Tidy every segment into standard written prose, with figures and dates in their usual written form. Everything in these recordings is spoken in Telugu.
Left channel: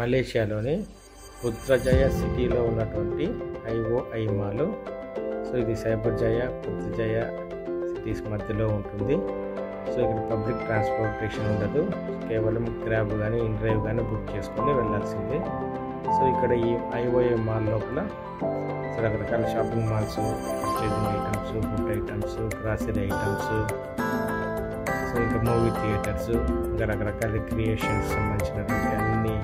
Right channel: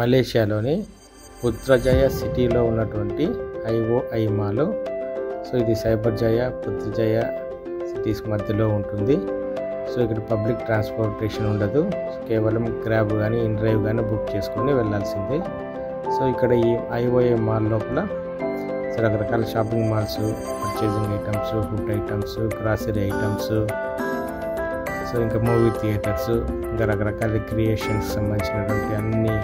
మలేషియాలోని పుత్రజయ సిటీలో ఉన్నటువంటి IOI మాల్. సో ఇది సైబర్జయ పుత్రజయ సిటీస్ మధ్యలో ఉంటుంది. సో ఇక్కడ పబ్లిక్ ట్రాన్స్పోర్టేషన్ ఉండదు, కేవలం క్యాబ్ కానీ ఇన్డ్రైవ్ కానీ బుక్ చేసుకొని వెళ్ళాల్సిందే. సో ఇక్కడ ఈ IOI మాల్ లోపల రకరకాల shopping malls, purchasing items, food items, grocery items, so ఇంకా మూవీ థియేటర్స్, ఇంకా రకరకాల రిక్రియేషన్స్ సంబంధించినటువంటి అన్ని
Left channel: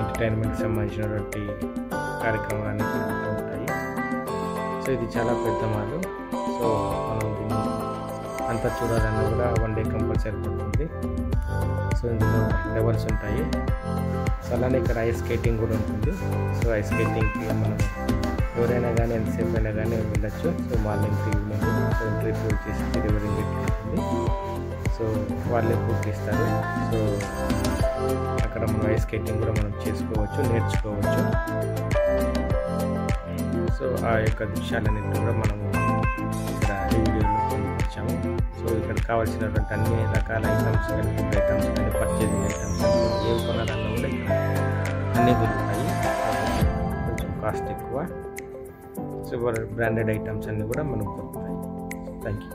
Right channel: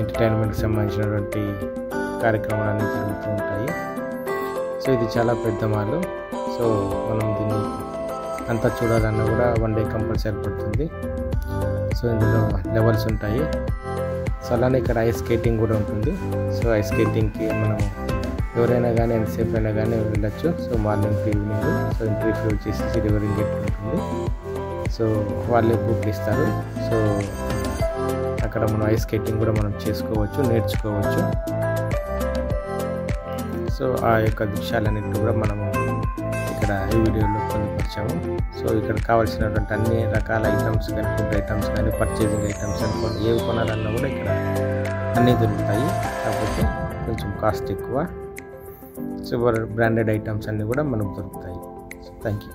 ఎంటర్టైన్మెంట్కి సంబంధించినటువంటి కార్యక్రమాలు జరుగుతూ ఉంటాయి. సో ఇది చాలా పెద్ద మాల్. సో మనం దీన్ని అంతా చూడాలన్నా కూడా 1 డే కంపల్సరీ పడుతుంది. సో ఇందులో లెవెల్స్ ఉంటాయి. సో అలానే ఇక్కడ ఐస్ స్కేటింగ్ కూడా ఉంటుంది. సో ఐస్ స్కేటింగ్కి మనం ఎవరైనా కానీ ఎంతసేపు అయినా కానీ వెళ్ళచ్చు. So morning to evening. So entry fee వచ్చేసి రివరింగ్ ఉంటుంది. సో వాళ్ళే బుక్ ఇస్తారు. సో అక్కడ మనం ఐస్ స్కేటింగ్ కూడా మనం చేసుకోవచ్చు, నేర్చుకోవచ్చు. సో ఆ యొక్క దృశ్యాలన్నింటినీ కూడా మనము ఇక్కడ ఈ వీడియోలో పొందుపరిచాము. సో ఇక్కడ కావాల్సినటువంటి అన్ని రకాల ఐటమ్స్ కానీ, ఫుడ్ ఐటమ్స్ కానీ, పర్చేజింగ్ ఐటమ్స్ కానీ ఏవి కొనాలన్నా కూడా ఇక్కడ అన్నీ దొరుకుతాయి. కాకపోతే కొంచెం కాస్ట్ ఎక్కువ. సో బ్రాండెడ్ ఐటమ్స్ అన్నీ కూడా మనకు దొరుకుతాయి. So thank you.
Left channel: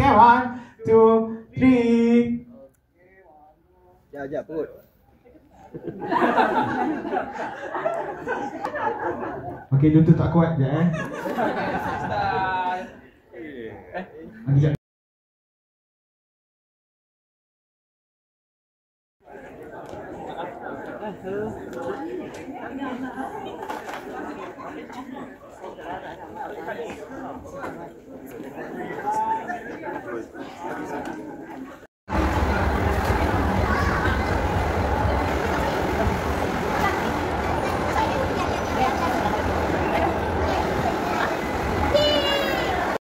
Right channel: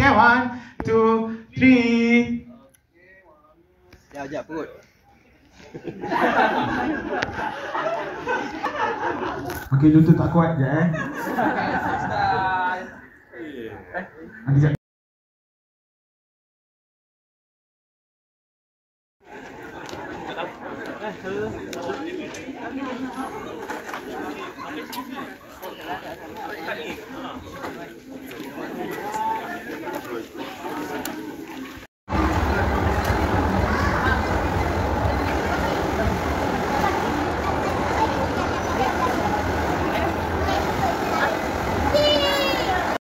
Yeah, 1, 2, 3. Sekejap perut. Okey, lutut tak kuat je Nanti jap.